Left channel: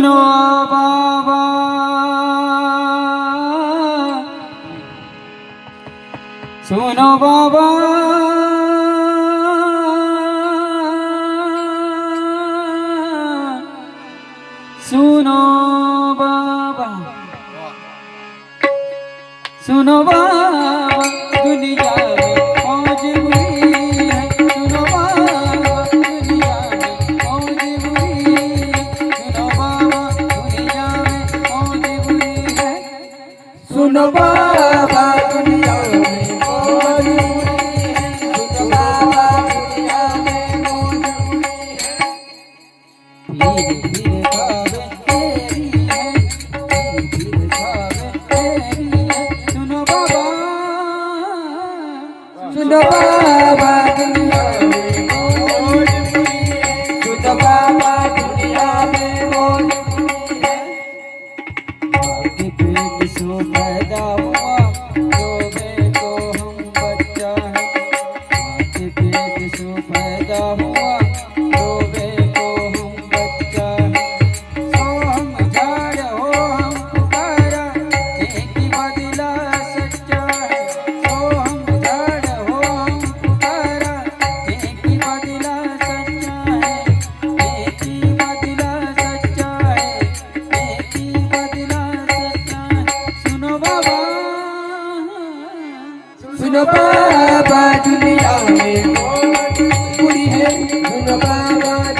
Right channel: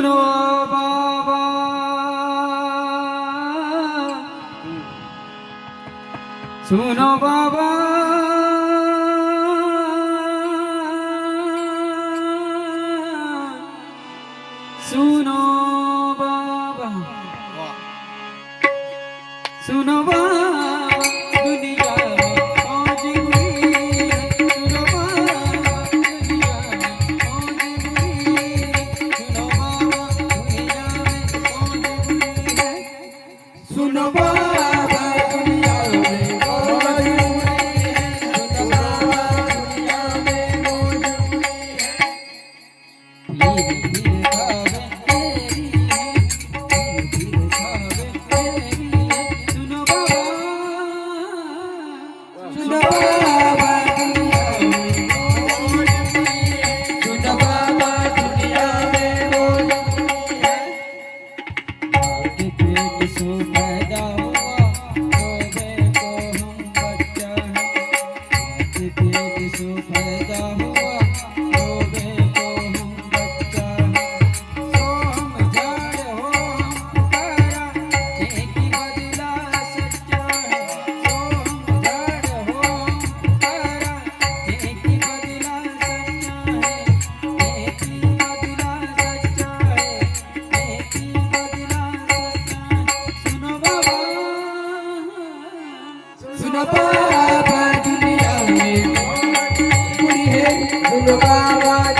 Suno baba, suno baba. বাবা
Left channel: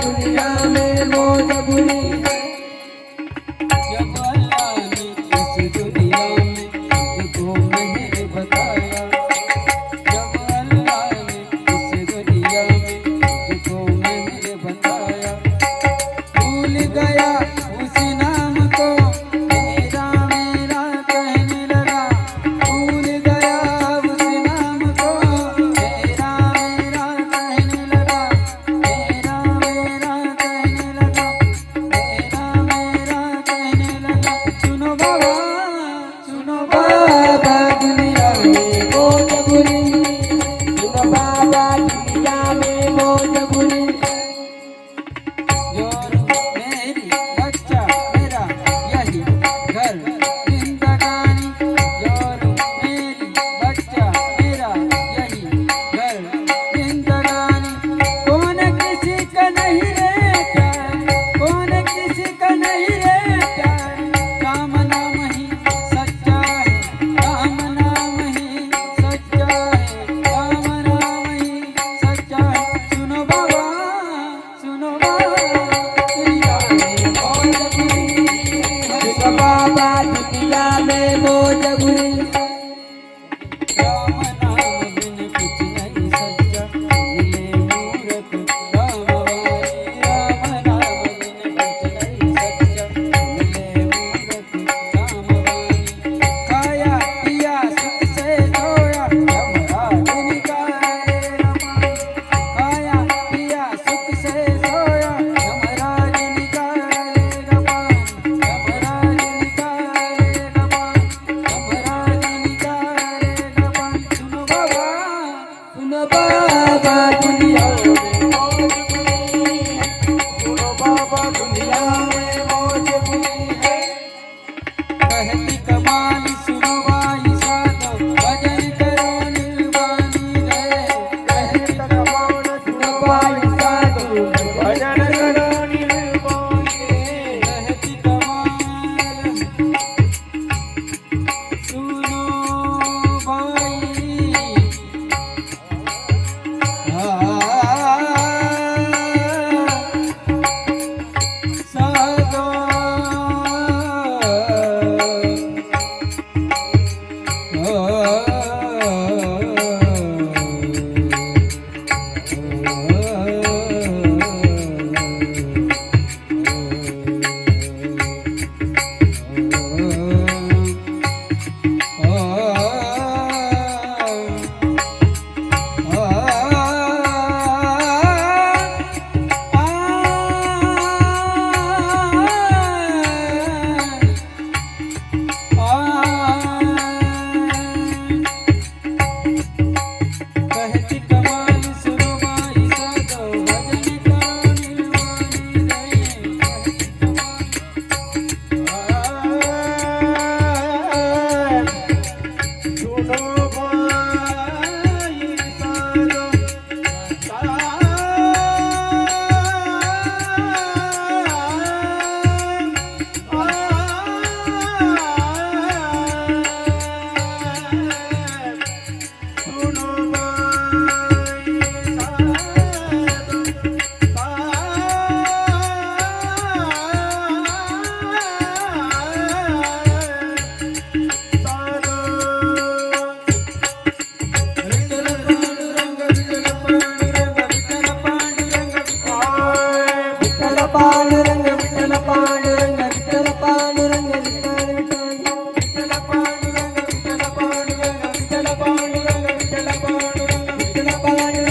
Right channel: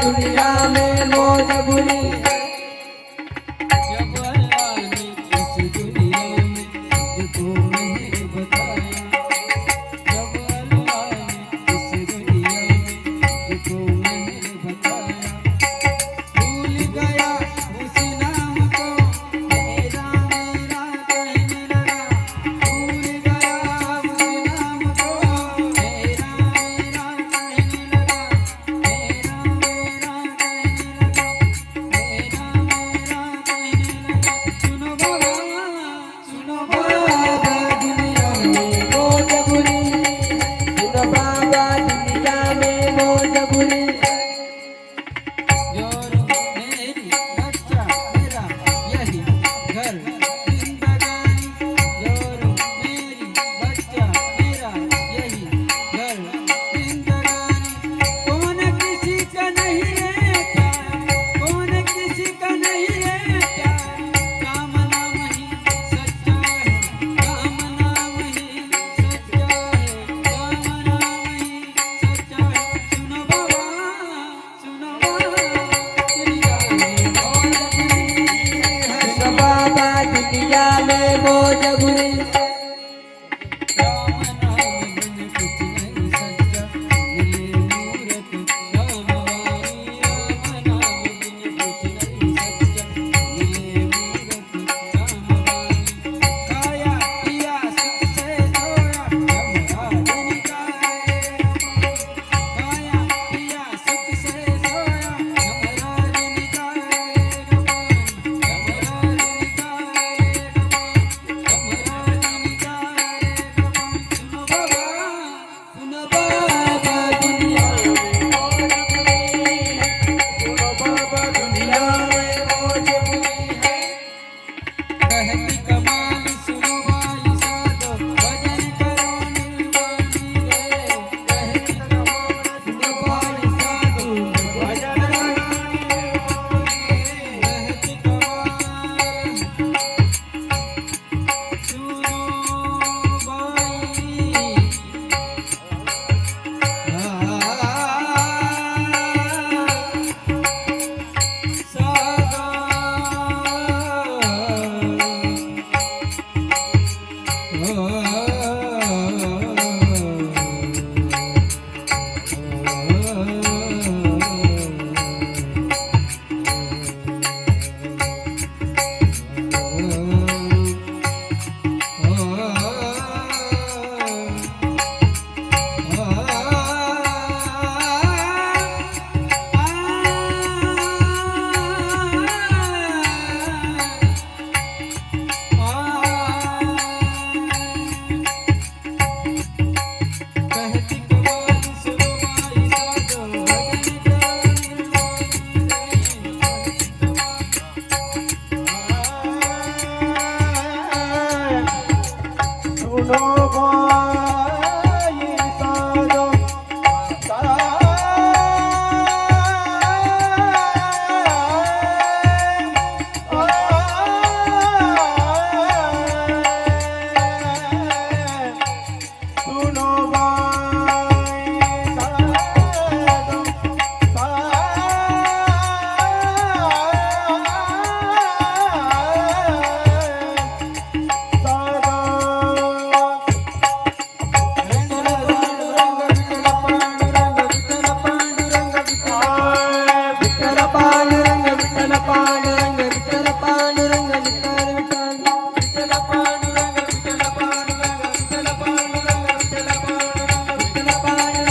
दुनिया में मौज बुरी लीला में मोज गुरी Oh. Música